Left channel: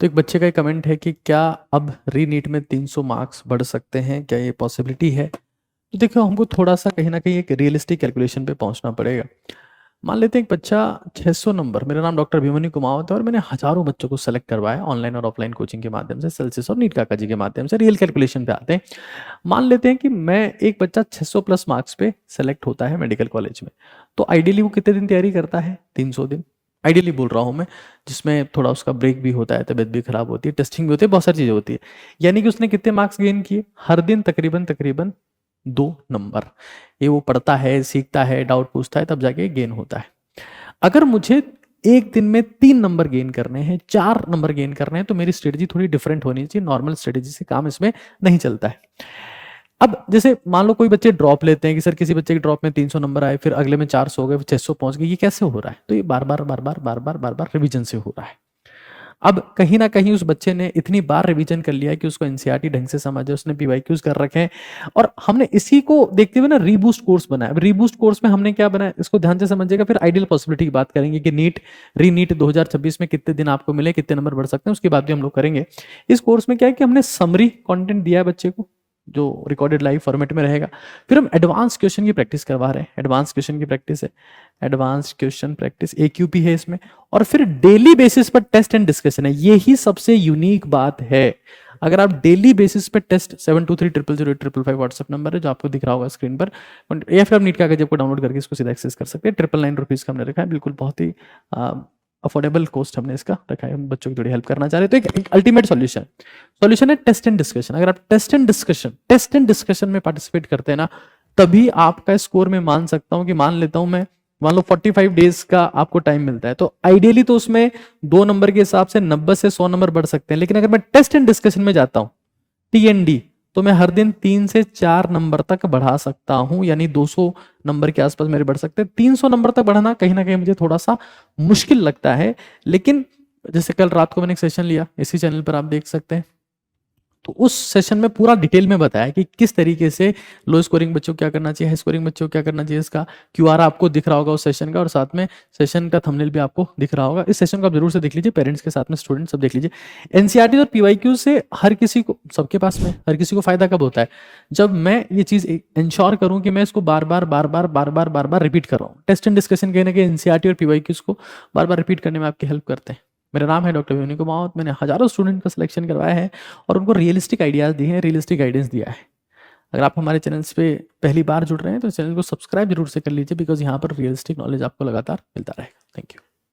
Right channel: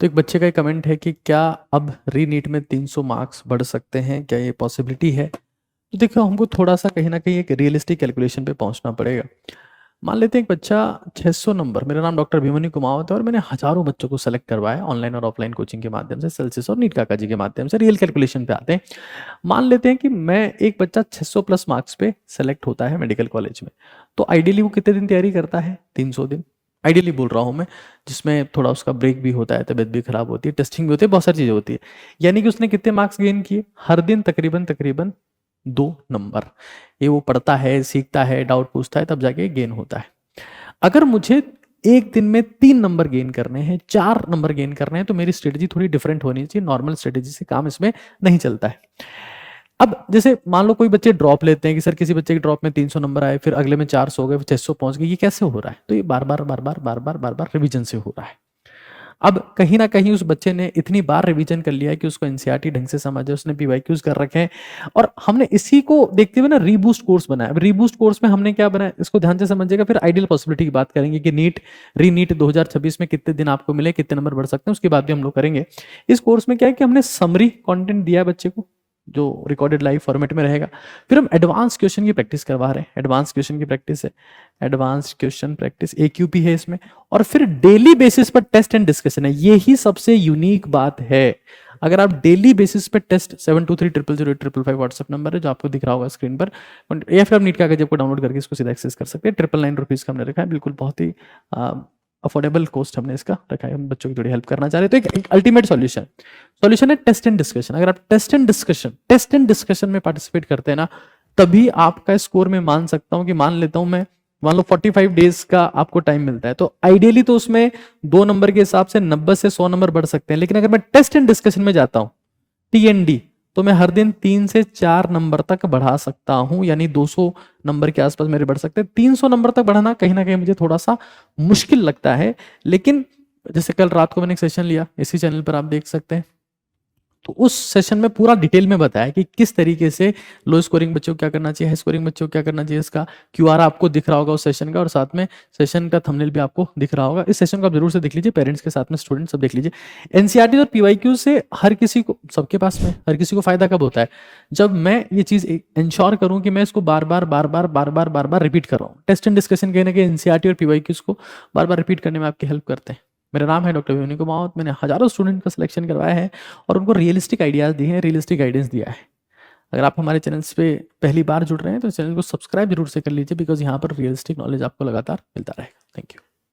तो एक बच्चे का एक कमेंट है कि क्या अब रीनीट में 300 मार्क्स बढ़ सकते हैं, क्या ये पॉसिबिलिटी है? तो देखो, हमको थोड़ा सा कहीं ना कहीं एक रियलिस्टिक कैलकुलेशन पे पहुंचना पड़ेगा। मान लेते हैं एक बच्चा 600 नंबर, मेरा नाम डॉक्टर अभिमन्यु कुमावत है और मैंने हजारों बच्चों को सेलेक्ट करवाया ऑनलाइन और ऑफलाइन कोचिंग के माध्यम से, सेल्सियस और नीट काका जी के माध्यम से। रियल कैलकुलेशन पे आते हैं। मान लेते हैं कि मैं एक बच्चा 600 प्लस मार्क्स पे सेलेक्ट होता है मेडिकल कॉलेज में, तो आइडियली वो कितने दिन तैयारी करता है? 300 दिन। आइडियली बोल रहा हूँ मैं, जिसमें थोड़ा उसका ब्रेक भी होता है, तबियत भी खराब होती है, टेस्टिंग भी होती है, बहुत सारी चीजें होती है। यानी कि उसने कितने मार्क्स गेन किए? हर दिन तकरीबन तकरीबन 2 नंबर। ये वो पढ़ता है, सीखता है, डाउट पूछता है, तब जाके गेन होता है। अगर मुझे एक दिन में 3 नंबर गेन करने हैं, 4 नंबर गेन करने हैं, तो मेरी स्ट्रेटजी थोड़ी डिफरेंट होनी चाहिए। नॉर्मल स्ट्रेटजी से काम इसमें नहीं चलता है। अब जैसे मान लो कोई बच्चे ड्रॉप लेते हैं कि सर किसी बच्चे के ड्रॉप में 300 नंबर आए, फिर अगले में 400 हो गए, फिर 600 पहुंच गए, ये कैसे हो रहा है? तो ये बार बार बार बार बार बार बार बार रिवीजन से हो रहा है। अब कहीं ना कहीं उस बच्चे ने इतनी बार रिवीजन कर लिया है कि उसको एनसीईआरटी ढंग से समझ है, उसने पीवाईक्यूज कर रखे हैं, और हमने इसी को देखते हुए ना रीबूस्ट कोर्स बनाया। रीबूस्ट कोर्स में हमने क्या बनाया, इसको ध्यान से समझिएगा, फिर आइडियल पॉसिबिलिटी की बात करेंगे कि नीट रीनीट 2026 में कितने दिन आपको मिले, कितने नंबर बढ़ सकते हैं, उसकी बात भी हम लोग करेंगे। इस कोर्स में क्या है कि हमने समरी कंटेंट दिया है बच्चे को, जो रिकॉर्डेड लाइव फॉर्मेट में रहेगा। फिर हम एडवांस क्वेश्चन की प्रैक्टिस करवा रहे हैं, एडवांस क्वेश्चन की प्रैक्टिस है, एडवांस क्वेश्चन प्रैक्टिस AQP है इसमें। और फिर डेली बेसिस पर टेस्ट एंड डिस्कशन है, यही सबसे यूनिक बात है। अगर आप डेली बेसिस पे टेस्ट 72300855 व्हाट्सएप नंबर है जो आपको दिख रहा होगा स्क्रीन पर, या फिर आप नीट कागज को डाउनलोड करके इसको सीधा एक्सेस कर सकते हैं। 999 रुपीज का हमने रखा है, बिल्कुल बहुत ही अफोर्डेबल कॉस्ट हमने इसका रखा है। बच्चों की थोड़ी हेल्प करना चाह रहे तो एक अल्टीमेट सॉल्यूशन है टेस्ट एंड डिस्कशन। अगर आप टेस्ट एंड डिस्कशन में पार्टिसिपेट करते हैं ना, तभी आपका स्कोर में मान सकता हूं कि मान लेता हूं मैं, मान लो 45 डेज का आपको टाइम मिलता है, तो आइडियली तो उसमें 2 नंबर के हिसाब से 90 से 100 नंबर बढ़ सकते हैं। लेकिन अगर मैं टेस्ट एंड डिस्कशन में जाता हूं, TND, तो मैं हर दिन 3 से 4 नंबर तक बढ़ा सकता हूं, यानी 200 नंबर के आसपास मेरे बढ़ सकते हैं। 300 नंबर तक बढ़ाना कहीं ना कहीं मुझे थोड़ा सा मुश्किल लगता है। लेकिन जैसे कल रात को मैंने एक सेशन लिया, इसी चैनल पर आप देख सकते हैं, तो उस सेशन में पूरा डिटेल में बताया कि किस तरीके से लो स्कोरिंग बच्चों को क्या करना चाहिए, हाई स्कोरिंग बच्चों को क्या करना चाहिए। इसका QR आपको दिख रहा होगा उस सेशन का, और साथ में सेशन का थंबनेल भी आपको दिख रहा होगा। इस सेशन को आप जरूर से देख लीजिए, पेरेंट्स के साथ में स्टूडेंट सब देख लीजिए। एनसीईआरटी और PYQ से हर किसी को, सबके पास में हर किसी को फायदा कब होता है? जब मैं ये चीज इंश्योर करूं कि मैं इसको बार बार रिपीट कर रहा हूँ। टेस्ट एंड डिस्कशन कहीं ना कहीं एनसीईआरटी और PYQ को बार बार रिपीट करने में आपकी हेल्प करते हैं। मेरा नाम है डॉक्टर अभिमन्यु कुमावत, मैंने हजारों स्टूडेंट का सिलेक्शन करवाया है और उनको रियलिस्टिक आइडियाज दिए हैं, रियलिस्टिक गाइडेंस दिया है। अगर आप हमारे चैनल पे पहली बार जुड़ रहे हैं तो चैनल को सब्सक्राइब जरूर से कर लीजिए, बिकॉज यहाँ पर रियलिस्टिक नॉलेज आपको लगातार मिलता रहेगा। Thank you.